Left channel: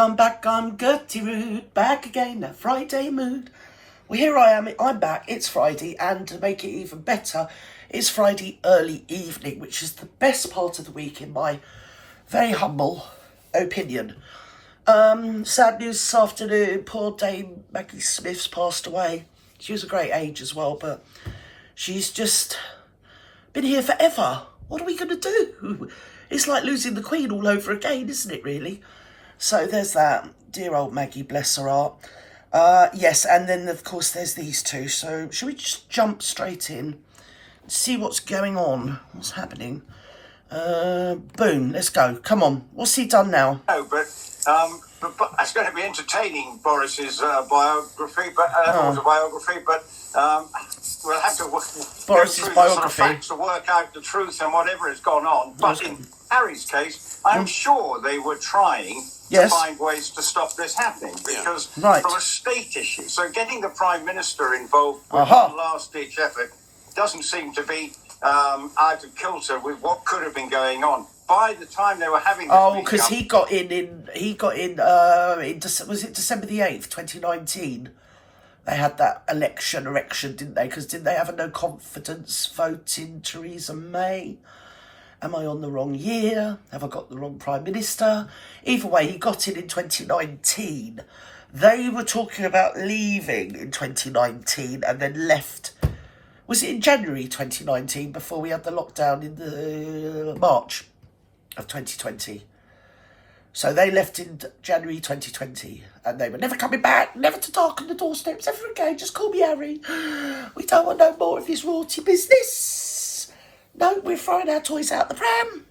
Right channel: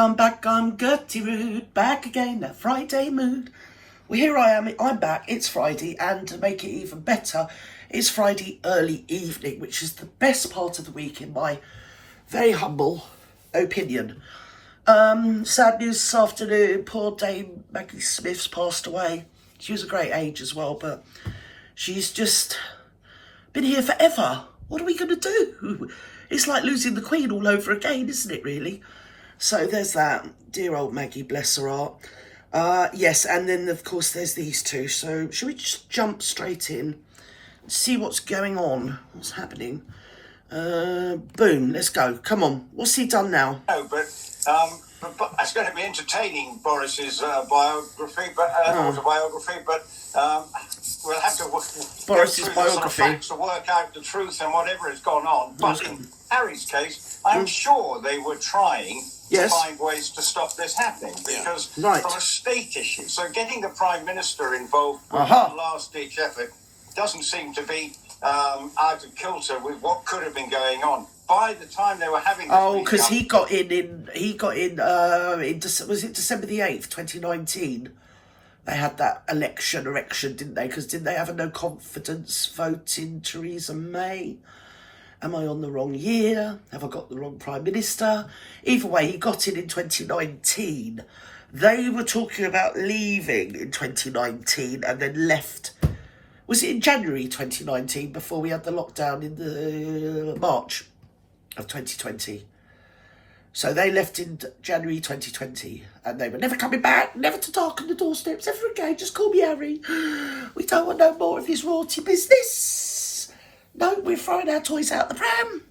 I'm back on Gertie Root, back again, that Friday mood. Well, here I am, I'm back, it's Friday, and to make it even better, it's Friday early evening, which is the best part of the week in my very humble opinion. Sad news this afternoon, poor Dame Maggie Smith's passed away. She was a great age as well, but she's just been here forever. What are we going to do? It's like losing the Queen all over again, isn't it, really? So there's that. Dear old Maggie, bless her heart. Yes, and then, of course, there's these two. So shall we just jump straight in, see what's going on, what's happening? Boom, let's go. Come on, what's he done now? No, but it's going to be entertaining, Boris's biography, but autobiography, but we'll have to Boris's biography. Sort of facts to work out the truth and whatever has gone on. But in Harry's case, I'm sure they were trying to find ways to stop this happening, because from a state issue, so getting the Prime Minister involved with one last-ditch effort doesn't seem to be out of kilter with what could have been going on. By the time they were having this because he got in was it December the 8th, 2019? They had that election, didn't they? Because didn't they have a no confidence vote in Theresa May? Am I on the wrong year? Have I got the wrong Prime Minister? Either way, he got in 2019. They were talking about leaving in 2019 and then left. Was it in January 2019 before we had the lockdown in the March of 2020? So they left in January 2020 and they were never coming back, never to darken the doorsteps ever again. Just call me Harry. We don't want no more of his royalty business. No, we're throwing our toys out the pram.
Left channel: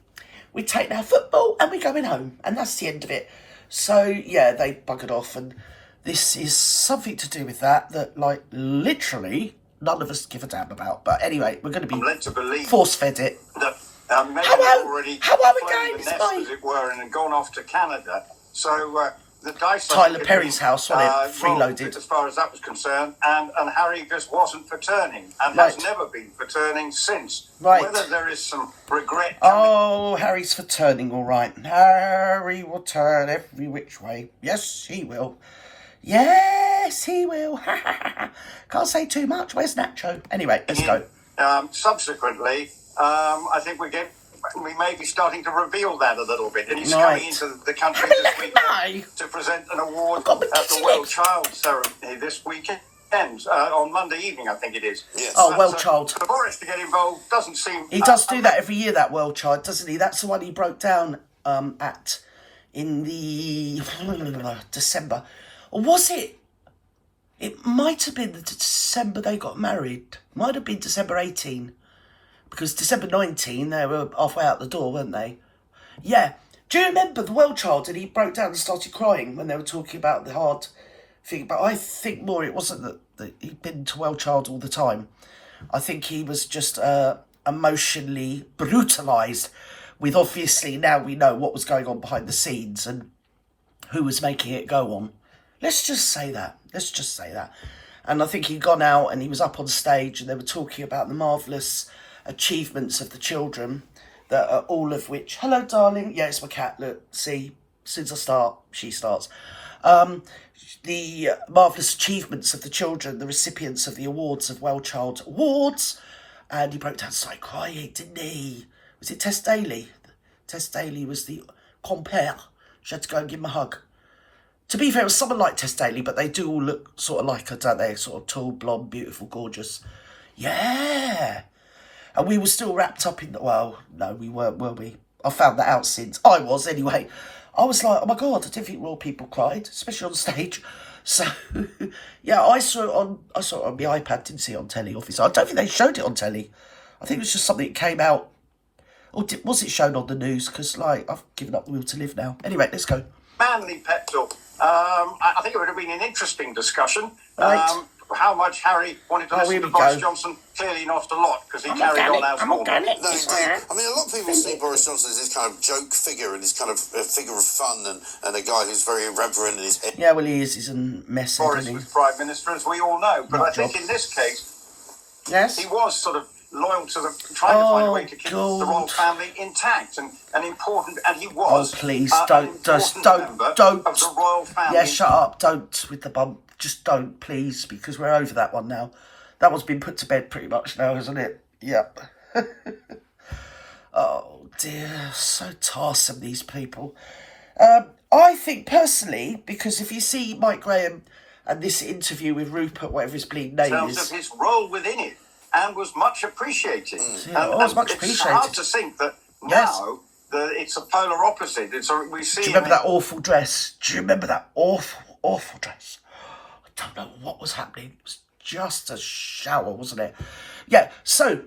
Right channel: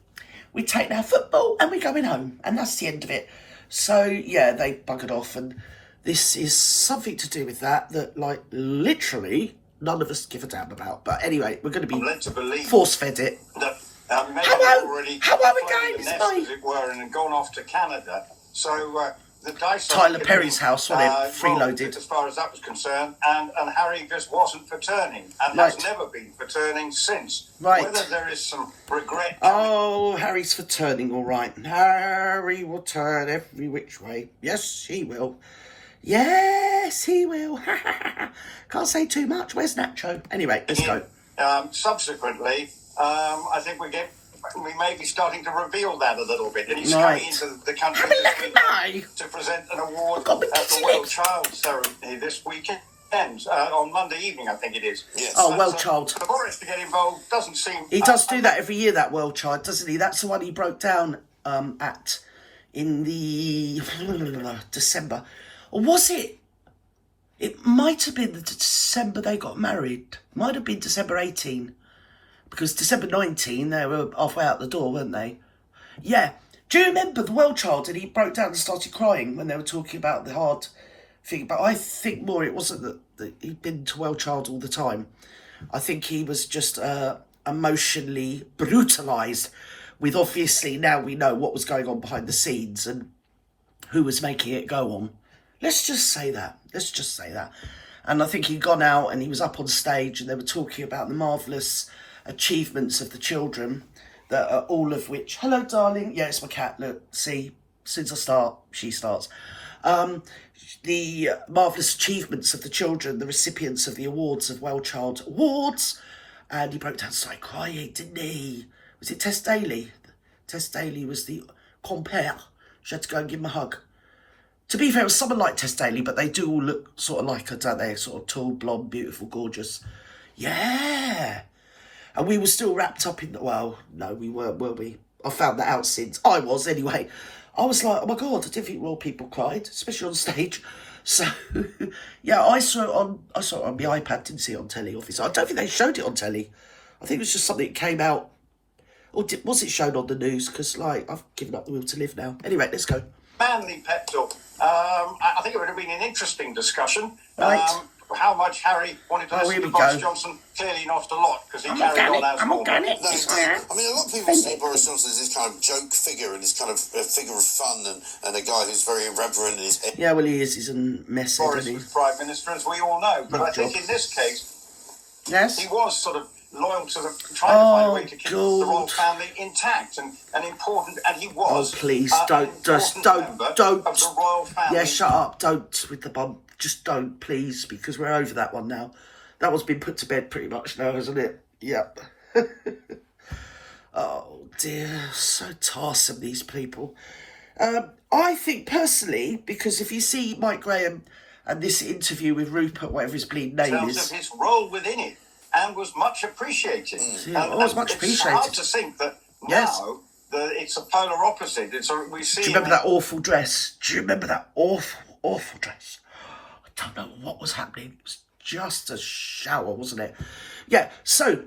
We're taking our football and we're going home. And that's the end of it. So, yeah, they buggered off. And this is something to do with that, like, literally none of us give a damn about. But anyway, we're going to be force-fed it. How are we going? It's as it were, and had gone off to Canada. So the dice Tyler Perry's house, wasn't it? Freeloaded. As far as that was concerned, and Harry just wasn't for turning, and has never been for turning since. Right. Whether there is some regret. Harry's for turning, all right. Harry will turn every which way. Yes, he will. Yes, he will. Can't say too much. Where's Nacho? Anyway, let's go. Subsequently, I think we may be starting to reveal that a little bit. And he's coming into the country this weekend to present an award at the World Child Ceremony this weekend. On Monday evening, I think it is. Yes. Oh, World Child. For Boris to get involved doesn't seem... He does do that every year, that World Child, doesn't he? That's the one he broke down in the December. Or was it? It might have been the December they got married. Might have been December 18. Because December 19, they were halfway out the door, weren't they? Yeah. Do you remember the World Child? And he broke down and started crying when they were talking about the hard thing. But I think more it wasn't that he'd been to World Child all the time. I think he was just emotionally brutalised with, obviously, now we know what was going on behind the scenes and who was making it go on. Let's just say that. And I think he'd gone out and he was up on stage and they were talking about the marvellous achievements of the children, that are all of which... Hello, darling. Yeah, it's my cat. Look, see, as soon as I start, she starts. The marvellous achievements of the children, the recipients of the awards of World Child Awards. And he broke down and started crying, didn't he? Was it Tess Daly? Tess Daly was the compere. She had to go and give him a hug. To be fair, it was someone like Tess Daly, but they do all look sort of like her, don't they? Sort of tall, blonde, beautiful, gorgeous. Yeah. And we were still wrapped up in... Well, no, we weren't, were we? I found that out since. I was, anyway. I was like, oh, my God, I didn't think royal people cried, especially on stage. So, yeah, I saw it on my iPad, didn't see it on telly, obviously. I don't think they showed it on telly. I think it was just something that came out... Or was it shown on the news? Because, like, I've given up the will to live now. Anyway, let's go. Manly pep talk. I think it would have been an interesting discussion. Right. How much Harry wanted to listen to Boris Johnson, clearly not a lot, because he carried on as normal. I mean, a lot of people see Boris Johnson as this kind of joke figure and this kind of figure of fun and a guy who's very irreverent in his head. Yeah, well, he is. He's a mess, Boris was Prime Minister, as we all know. But I think in this case, he was sort of loyal to trying to find a way to keep the royal family intact and important. And he was. Oh, please, don't of the royal family. Yeah, shut up. Don't with the bump. Just don't, please, because we're over that one now. That one's been put to bed pretty much now, hasn't it? Yep. Oh dear, so tiresome, these people. I think personally, because if you see Mike Graham and this interview with Rupert, whatever his bleeding name is, in terms of his role within it, and was much appreciated. Yeah, it was much appreciated. It's hard to think that now it's a polar opposite. We see. Do you remember that awful dress? Do you remember that awful dress? I don't know what was happening. It was just a shower, wasn't it? Yeah. So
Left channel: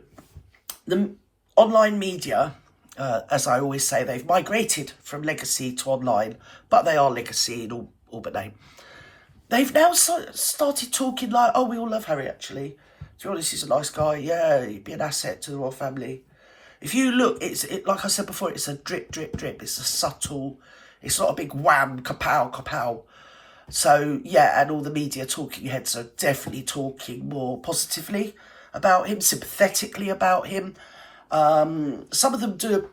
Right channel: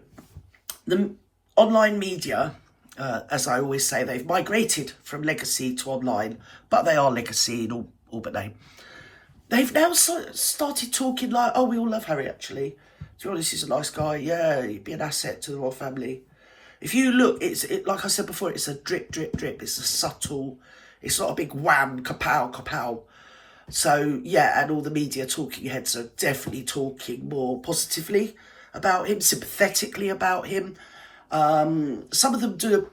the online media, as I always say, they've migrated from legacy to online, but they are legacy in all but name. They've now started talking like, oh, we all love Harry, actually. To be honest, he's a nice guy. Yeah, he'd be an asset to the royal family. If you look, it's like I said before, it's a drip, drip, drip. It's a subtle, it's not a big wham, kapow, kapow. So, yeah, and all the media talking heads are definitely talking more positively about him, sympathetically about him. Some of them do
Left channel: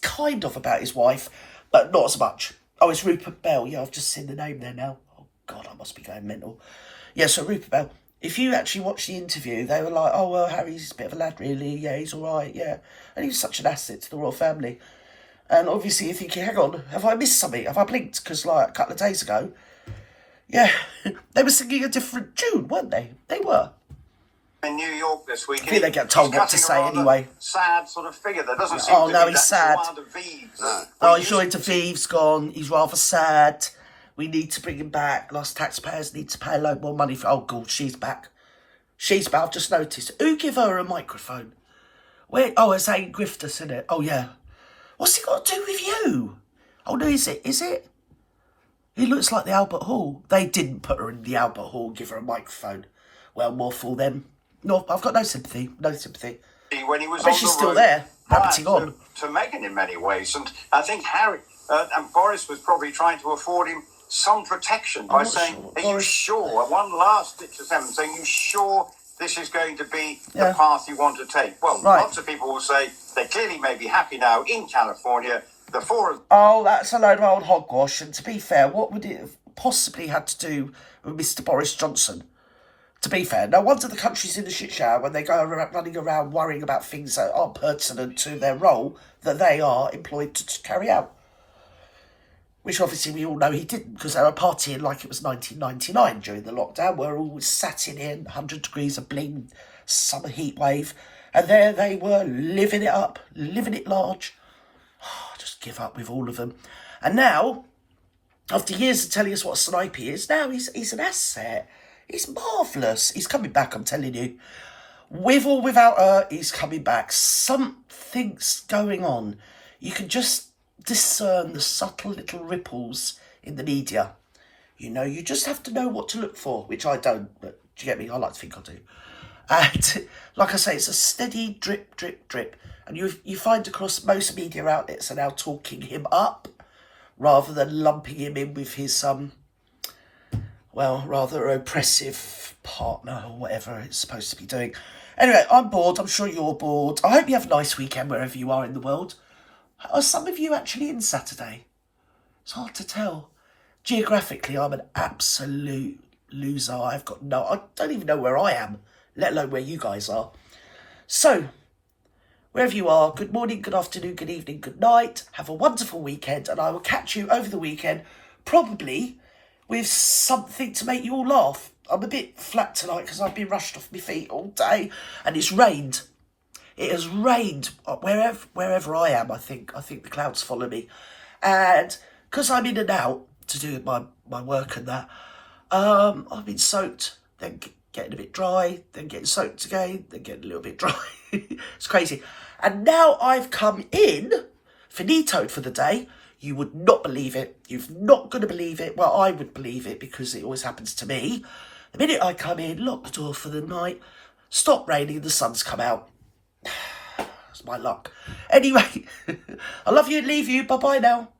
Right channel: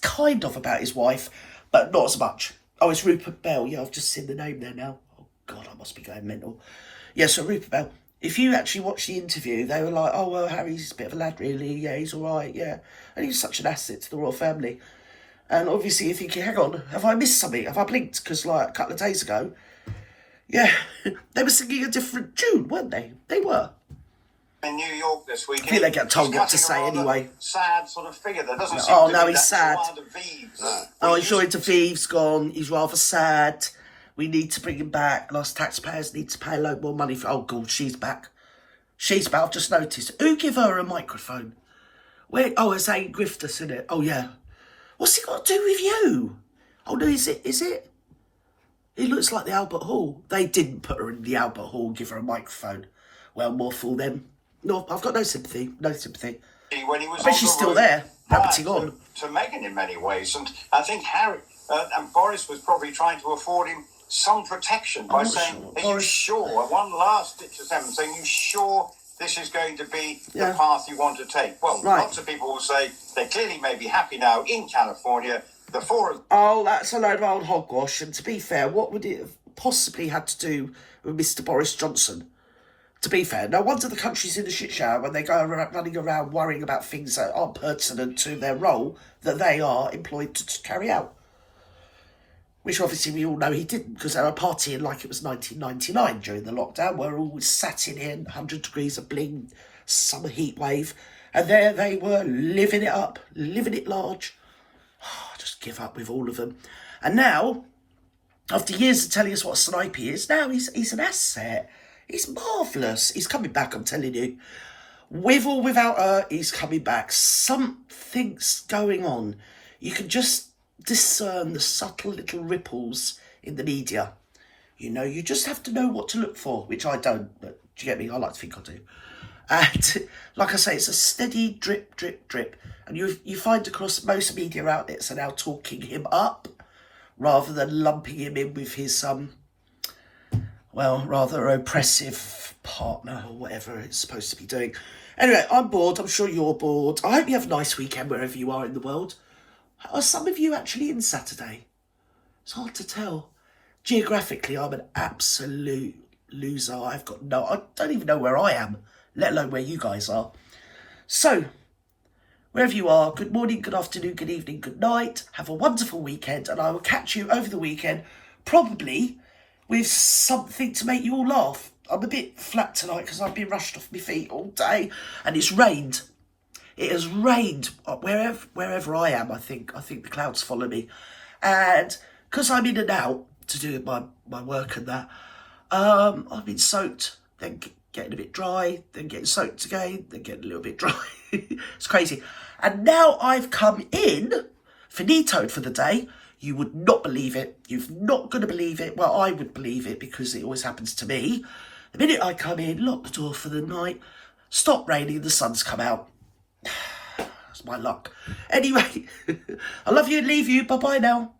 kind of about his wife, but not as much. Oh, it's Rupert Bell. Yeah, I've just seen the name there now. Oh, God, I must be going mental. Yeah, so Rupert Bell. If you actually watch the interview, they were like, oh, well, Harry's a bit of a lad, really. Yeah, he's all right, yeah. And he was such an asset to the royal family. And obviously you're thinking, hang on, have I missed something? Have I blinked? Because, like, a couple of days ago, yeah, they were singing a different tune, weren't they? They were. In New York this week. I think they get told what to say anyway. Sad sort of figure that doesn't seem oh, to now be he's sad. He's going to Vives, gone. He's rather sad. We need to bring him back. Lost taxpayers need to pay a load more money for. Oh, God, she's back. She's back. I've just noticed. Who give her a microphone? Where? Oh, it's Anne Griftus, isn't it? Oh, yeah. What's it got to do with you? Oh, no, is it? He looks like the Albert Hall. They didn't put her in the Albert Hall, give her a microphone. Well, more fool them. No, I've got no sympathy. No sympathy. When he was but she's still there, rabbiting on. To Meghan in many ways. And I think Harry and Boris was probably trying to afford him some protection by saying, are you sure? One last ditch attempt saying, are you sure this is going to be the path you want to take? Well, lots of people will say they clearly may be happy now in California. The four of... Oh, that's a load of old hogwash. And to be fair, what would it have possibly had to do with Mr. Boris Johnson? To be fair, no wonder the country's in the shit shower when they go running around worrying about things that aren't pertinent to their role that they are employed to carry out. Which obviously we all know he didn't, because they were partying like it was 1999 during the lockdown. We're all sat in here, 100 degrees of bling, summer heat wave, and there they were living it up, living it large. Oh, just give up with all of them. And now, after years of telling us what a snipe he is, now he's an asset. He's marvellous. He's coming back, I'm telling you. With or without her, he's coming back. Something's going on. You can just discern the subtle little ripples in the media. You know, you just have to know what to look for, which I don't, but do you get me? I like to think I do. And like I say, it's a steady drip, drip, drip. And you find across most media outlets are now talking him up rather than lumping him in with his rather oppressive partner or whatever it's supposed to be doing. Anyway, I'm bored. I'm sure you're bored. I hope you have a nice weekend wherever you are in the world. Are some of you actually in Saturday? It's hard to tell. Geographically, I'm an absolute loser. I don't even know where I am, let alone where you guys are. So, wherever you are, good morning, good afternoon, good evening, good night. Have a wonderful weekend, and I will catch you over the weekend, probably with something to make you all laugh. I'm a bit flat tonight because I've been rushed off my feet all day, and it's rained. It has rained wherever I am. I think the clouds follow me, and because I'm in and out to do my work and that, I've been soaked, then getting a bit dry, then getting soaked again, then getting a little bit dry. It's crazy. And now I've come in, finitoed for the day. You would not believe it. You're not going to believe it. Well, I would believe it because it always happens to me. The minute I come in, lock the door for the night, stop raining, the sun's come out. That's my luck. Anyway, I love you and leave you. Bye-bye now.